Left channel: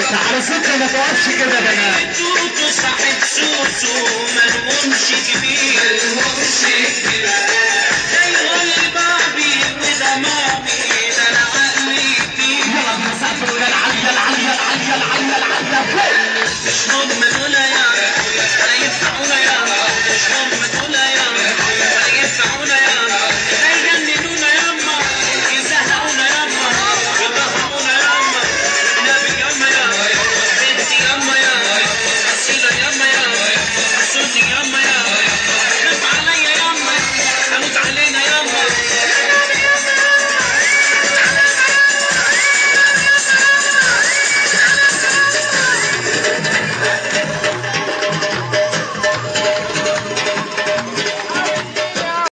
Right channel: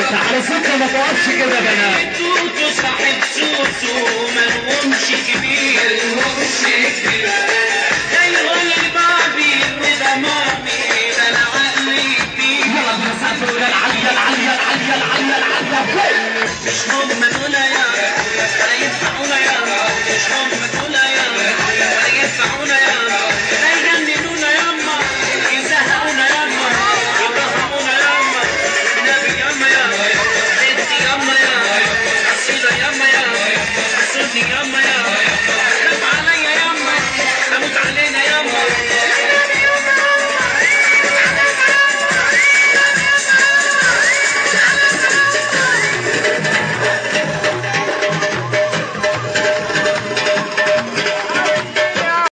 باشا على فكره ما تقفش كده يا بنات. توتو صاحب سوسو ملهمش كبير زيهم بابي وده مامي ده انا عقلي فيه. يلا بينا سقف ولا العليا العليا العليا العليا العليا. مش هم دول يا ولا ينفعونا يا مش هم دول